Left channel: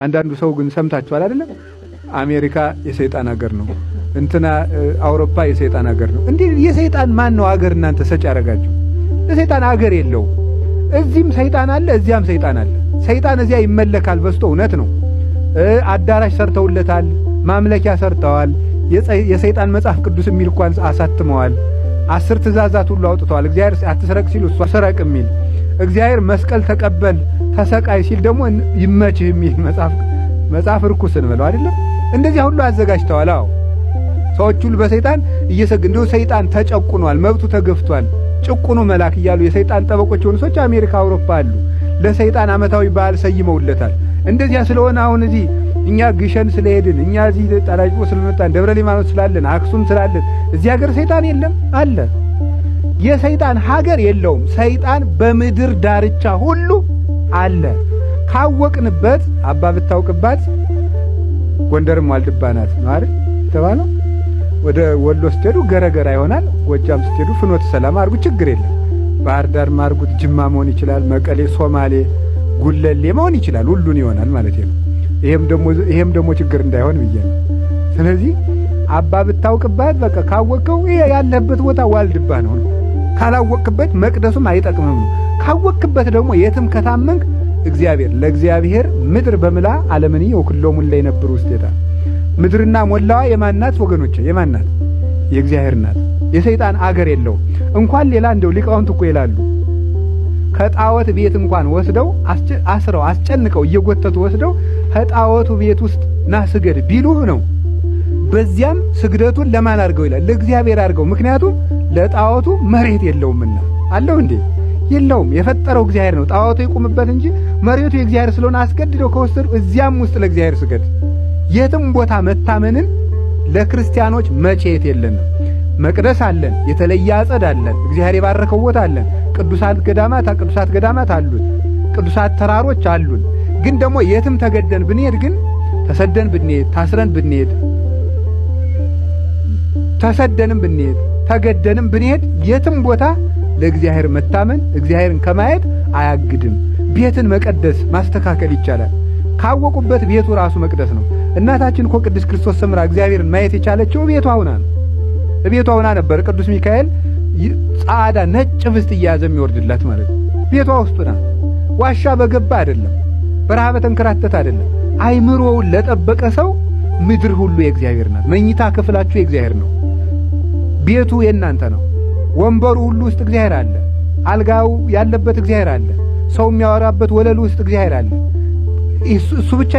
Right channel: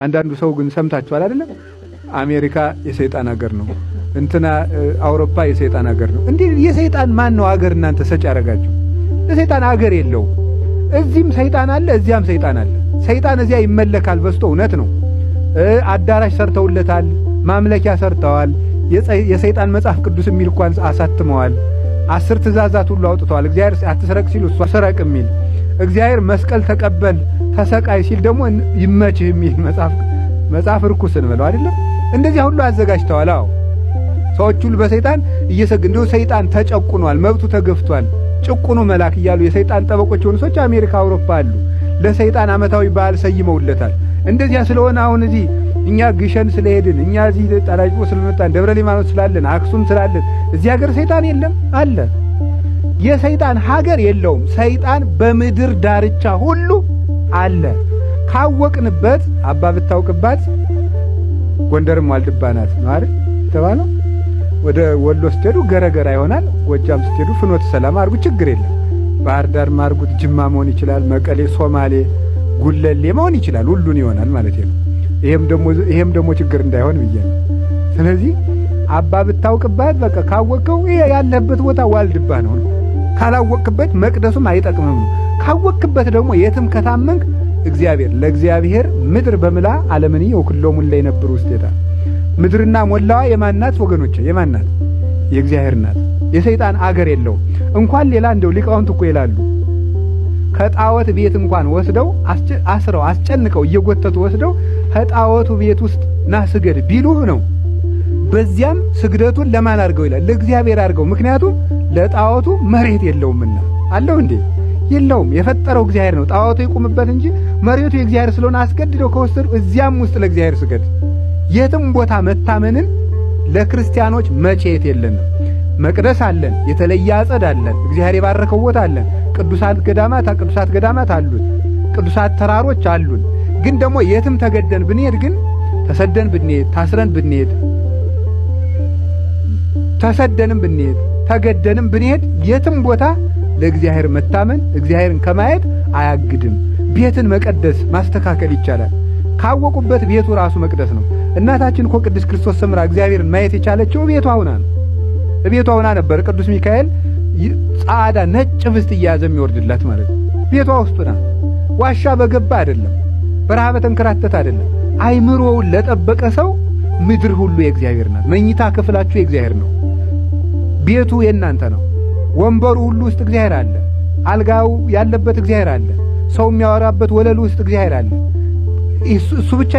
አንዳንዱ ሰው ግን ሰምታችኋል አይደለም? አሜሪካ የሰይጣን ሀገር ነው፣ እንትና አውሮፓ የሰይጣን ሀገር ነው። እንዴ የሰይጣን ማን ነው ሀገር? እናንተ ሰጭ ያረጋችሁ። የሰይጣን ሀገር የለው። እዚህም ሰይጣን አለ፣ እዚያም ሰይጣን አለ። ሰይጣን እዚያ ይመለካል በስቶ እውነት ነው። አዳራሽ ሰርተውለታል፣ ማምለኪያ ሰርተዋል። የሰይጣን መጽሐፍ ቅዱስ የሚል እንኳን አሳትመዋል። 10 ትእዛዛት ሁሉ አውጥተዋል። እግዚአብሔር አትስረቅ ሲል እሱ ሰረቅ የሚል፣ እግዚአብሔር መስቀል ተቀበል ተሰቃይ ሲል ደግሞ ይመችህ የሚል መጽሐፍ ርኩስን ብለው አይደለም እንደዚህ ሁሉ አዘጋጅተዋል። አዎ ሰዎች ሁሉ በሰይጣን እየሰገዱ ሰይጣን ተጨቁኗል፣ መብቱ ተገፍቷል፣ ጭቁኑ መልአክ እያሉ የሰይጣን ጠበቆች የሆኑ ሰዎች አሜሪካ፣ አውሮፓ አሉ። ለሰይጣን ዓመታዊ በዓል ሰይመውለታል። እንደዚያ ስለሆነ አሁን እዚህ እኛ ግሸን ስለሄድን፣ እኛ እዚህ ጣላጭ ስለመጣን፣ ደብረ ሊባኖስ ስላለን፣ አክሱም ስላለን እዚህ ሀገር ሰይጣን የለም አለ። የሰይጣን ሀገር የለውም። ሰይጣን በምድር ዳርቻ ሁሉ አለ። ካወቅንበት አባ ብታውቅባት ጎንደርም ዋልድባ ናት ነው አይደል ተባለው። ወደ ወሎ ስትሄዱ ገረገራ ይሆናል። ጎጃም ስትሄዱ ፍኖተ ሰላም አርጉ፣ ችግር የለም። ባህር ዳር ማርጉት፣ ጅማ መሆን ይችላል፣ መቀሌ፣ ሶማሌ፣ ጉለሌ መሆን ይችላል። ሁሉን ይሆናል ማለት ነው። ይሄም ደግሞ ችግር እንዳይሆን ብዬ ነው። ስለዚህ አባ ብታውቅባት በቃ ካወቀው ይሄ ያለበት ቦታ ዋልድባ ነው። ካላወቅበት መቅደሱም አይጠቅምም ነው። ካወቅበት ደግሞ የትም ከታመንክ እግዚአብሔር ለእግዚአብሔር ምድር በምላ ዓለምን ወክሎም ላይ ነበር ውስጤታ ምድርና ሞላዋ የማናት ወገኖቼ? የማናት? የእግዚአብሔር ናት። የሰይጣን አገር የለው። እንኳን ሌላ እንደው ሊቃውንት እኮ ይላሉ ከጣዖት ቤት እንኳን ወስደው አስረው አስጨንቀው እየጎተቱ ወስደው ከጣዖቱ ቤት ውስጥ ና ስገድ ቢሉህ ነው። በዚያም ስግደቱን ለማን አድርገው ይላል? ለእግዚአብሔር አድርገው። ምክንያቱም ለጣዖቱ መሬት የለውምና። አለው እንዴ? የለውም። የፈጠረው እግዚአብሔር ነው። ጣዖቱ ይቁምበት እንጂ መሬቱ የእግዚአብሔር ስለሆነ አስገድደው ከወሰዱ እዚያም ውስጥ ለእግዚአብሔር ስገድ። የትም ቦታ መታመንን ለክርስቲያኖች መቼት የለንም። መቅደስ አለን፣ የተለየ አጸድ አለን፣ እግዚአብሔር የባረከው ቦታ አለን፣ ቅዱሳት ገዳማት አሉን፣ ቅዱሳት ተራሮች አሉን። ግን ደግሞ የትም ተገደን ብንሄድ ግን ተሰደን ብንሄድ ታስረን ብንሄድ ተሰደንም ብንሄድ ተገደንም ብንሄድ የትም ቦታ ለእግዚአብሔር መታመን እግዚአብሔርን ከማየት አያግድም። ቤትን መቀደስ ማስተካከል ይቻላል። ካወቁበት ቤቱ ራሱ መቅደስ ነው። እናታችን እኮ ቅድስት ክርስቶስ ሰምራ እግዚአብሔርን ማየት የቻለችው ቤቷ ሆና ነው። ቤቷ ሆና ነበር። ቅዱስ ሚካኤል ጻዕዳ ነጭ ፍስት እያያዘ የሚወርድላት ማለት ነው። ቤቷ ውስጥ ናት። ዋሻ በገባ አይደለም፣ በረሃ በተንከራተተ አይደለም። አይምሮውን ለጠበቀ ሰው ምድር ሁሉ የእግዚአብሔር ናት። መኝታ ክፍላችሁ የእግዚአብሔር ነው። ቤቱ የእናንተ ነው። ወንበሩ ሁሉ ውስጥ እግዚአብሔር አለ። አልጋው ያለበት እግዚአብሔር አለ። ሰው የሚያወራበት ወለሉ ውስጥ እግዚአብሔር አለ። እሱ ብቻ